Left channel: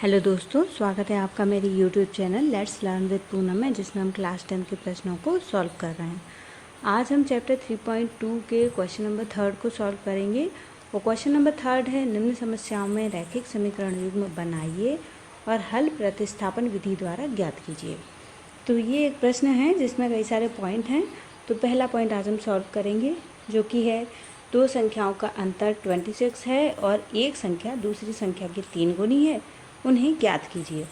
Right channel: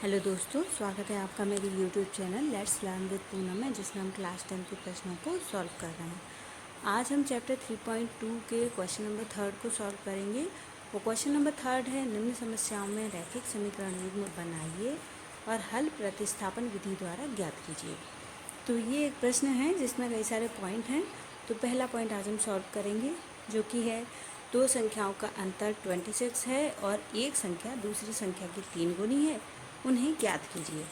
Hello दोस्तों, स्वागत है आपका मेरे YouTube channel let's learn with Poonam में, जिसमें हम क्लास 10 के प्रश्नों को सॉल्व कर रहे हैं। आज हम चैप्टर 3.2 के क्वेश्चन नंबर 3 को सॉल्व करेंगे। और क्वेश्चन नंबर 3 है, निम्न समस्याओं में रैखिक समीकरण युग्म बनाइए और हल प्रतिस्थापन विधि द्वारा ज्ञात कीजिए। तो ये एक प्रश्न है जिसमें कई सारे पॉइंट हैं। तो पहला पॉइंट आज हम सॉल्व करेंगे, जो कि है दो संख्याओं का अंतर 26 है और एक संख्या दूसरी संख्या की 3 गुनी है, उन्हें ज्ञात कीजिए।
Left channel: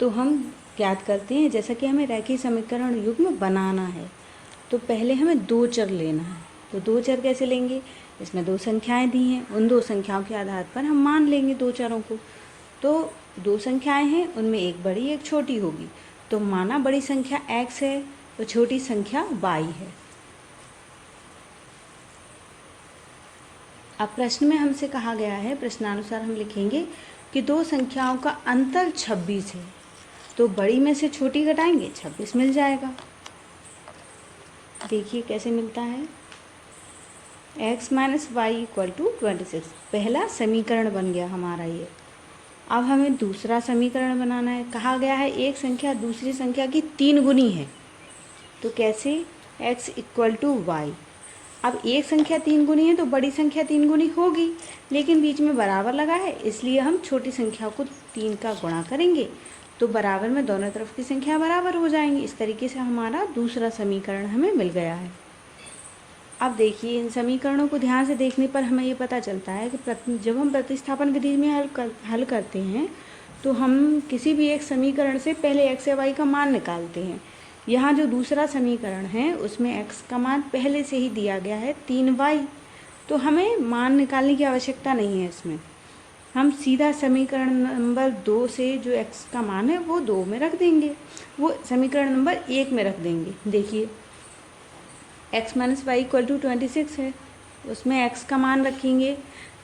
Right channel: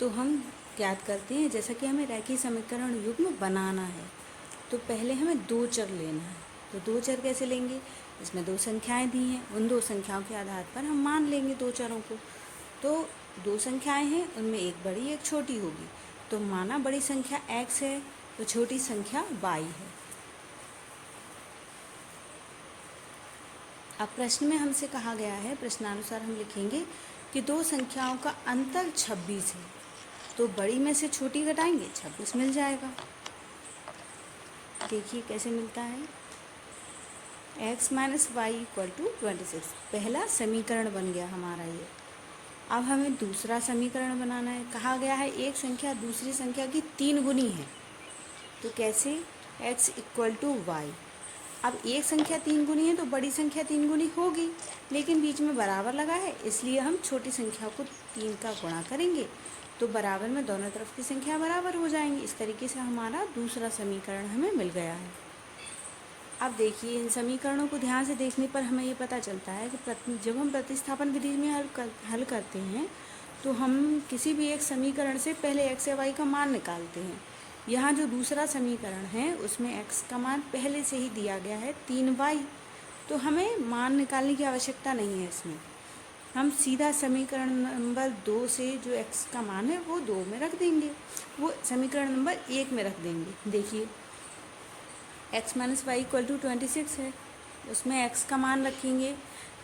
तो हम ज्ञात करते हैं, जैसा कि हमें रैखिक समीकरण युग्म बनाना है तो पहले हमें दो चर लेना है। तो दो चर कैसे लेंगे? इसमें दो संख्याएं दी हैं, उन दो संख्याओं के आधार पर हम मान लेंगे दो चरों को। तो दो संख्याएं हैं, उनमें एक बड़ी एक छोटी होगी। तो माना बड़ी संख्या x है और छोटी संख्या y है। अब प्रश्न में हमसे कहा गया है, प्रश्नानुसार हम लिखेंगे कि दो संख्याओं का अंतर 26 है। तो बड़ी में से छोटी घटाएंगे, 26 मिल जाएगा। देखिए कैसे मिलता है, x minus Y equal to 26। पहला समीकरण बन गया हमारा ये। अब हमें दूसरा समीकरण बनाना है। कहा गया है एक संख्या दूसरी संख्या की 3 गुनी है। तो कैसे? x equal to Y. अब एक संख्या 3 गुनी है तो बड़ी संख्या 3 गुनी होगी, लेकिन बीच में बराबर लगा है, इसलिए हम छोटी संख्या को 3 का गुणा करेंगे तो बराबर में दोनों तरफ की संख्या बराबर हो जाएंगी। इस तरीके से हमारा दूसरा समीकरण हमें मिल गया है। अब देखिए, इन समीकरणों को ध्यान से देखने पर हमें ये पता चलता है कि जब हम प्रतिस्थापन विधि में हल करते हैं तो हम किसी भी एक समीकरण से पहले x या y का मान निकालते हैं। यहाँ जो दूसरा समीकरण है उसमें x का मान पहले से ही दिया गया है 3y, तो हमें मान निकालने की आवश्यकता नहीं है। इसमें हम सीधा समीकरण नंबर 2 से जो x का मान है वो 2 में रख देंगे, वो समीकरण नंबर 1 में रख देंगे। देखिए x minus Y equal to 26 है, उसमें x का मान रखेंगे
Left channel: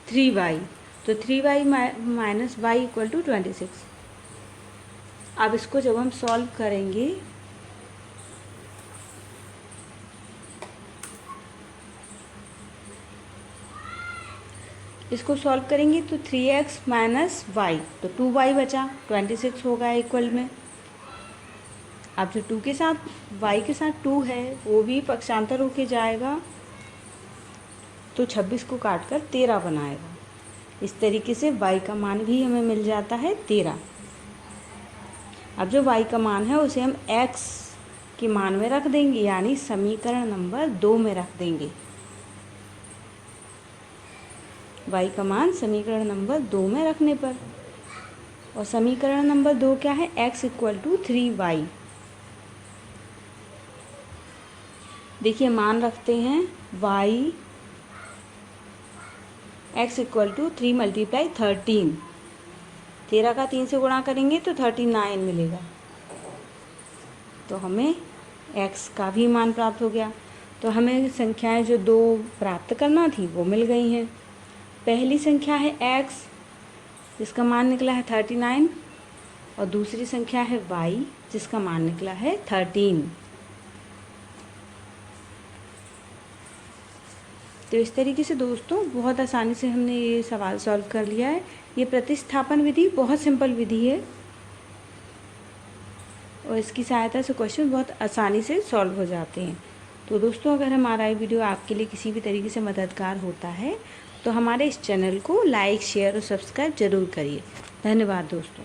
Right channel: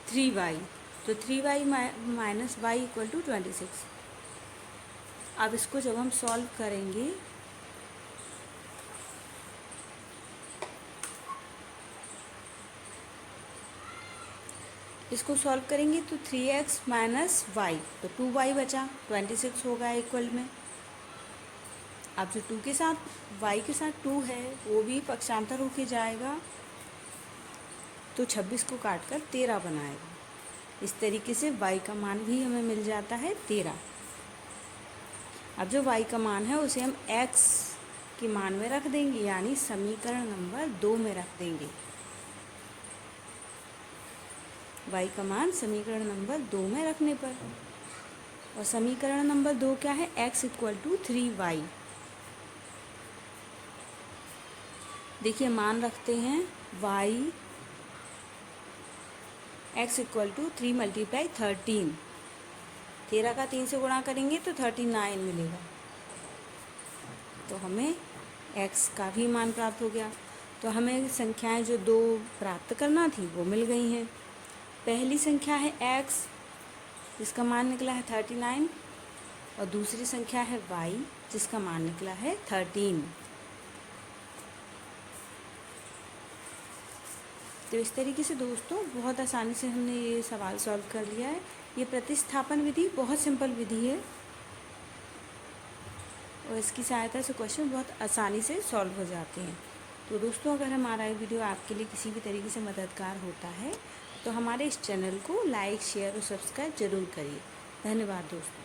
3y, तो 3y minus Y equal to 26। अब इसको जब हम सॉल्व करेंगे तो 3x माइनस वाई, तो 2y बचा, 26 होगा इक्वल में। अब जो 2 के साथ y के साथ 2 है वो भी पक्षांतर होके जाएगा, तो 26 को काट कर 13 बनाएगा। इस तरीके से y का मान भी हमें मिल जाता है 13। अब जो y का मान है उसे हम x के मान में रख देंगे, यानी समीकरण नंबर 2 में रख देंगे। y का मान समीकरण नंबर 2 में रखने पर, और समीकरण नंबर 2 क्या है? x equal to 3y। देखिए मान रखते हैं y x equal to 3 multiply 13। 13 का 3 से गुणा करेंगे तो 39 मिलेगा। तो हमें x का भी मान प्राप्त हो गया। तो हमें संख्याएं जो दो प्राप्त करना थी वो मिल गई हैं। पहली संख्या है x जिसका मान निकला है 39, और दूसरी संख्या है y जिसका मान निकला है 13। तो इस तरीके से दोस्तों बहुत आसानी से हमने ये सवाल सॉल्व कर लिया है। ये प्रतिस्थापन विधि बहुत सिंपल विधि है और इसकी सहायता से क्वेश्चन बहुत आसानी से सॉल्व हो जाते हैं। तो दोस्तों, अगर हमारा ये वीडियो आपके लिए किसी भी तरीके से मददगार होता है तो हमारे इस चैनल को लाइक, शेयर और सब्सक्राइब ज़रूर करिए। धन्यवाद दोस्तों।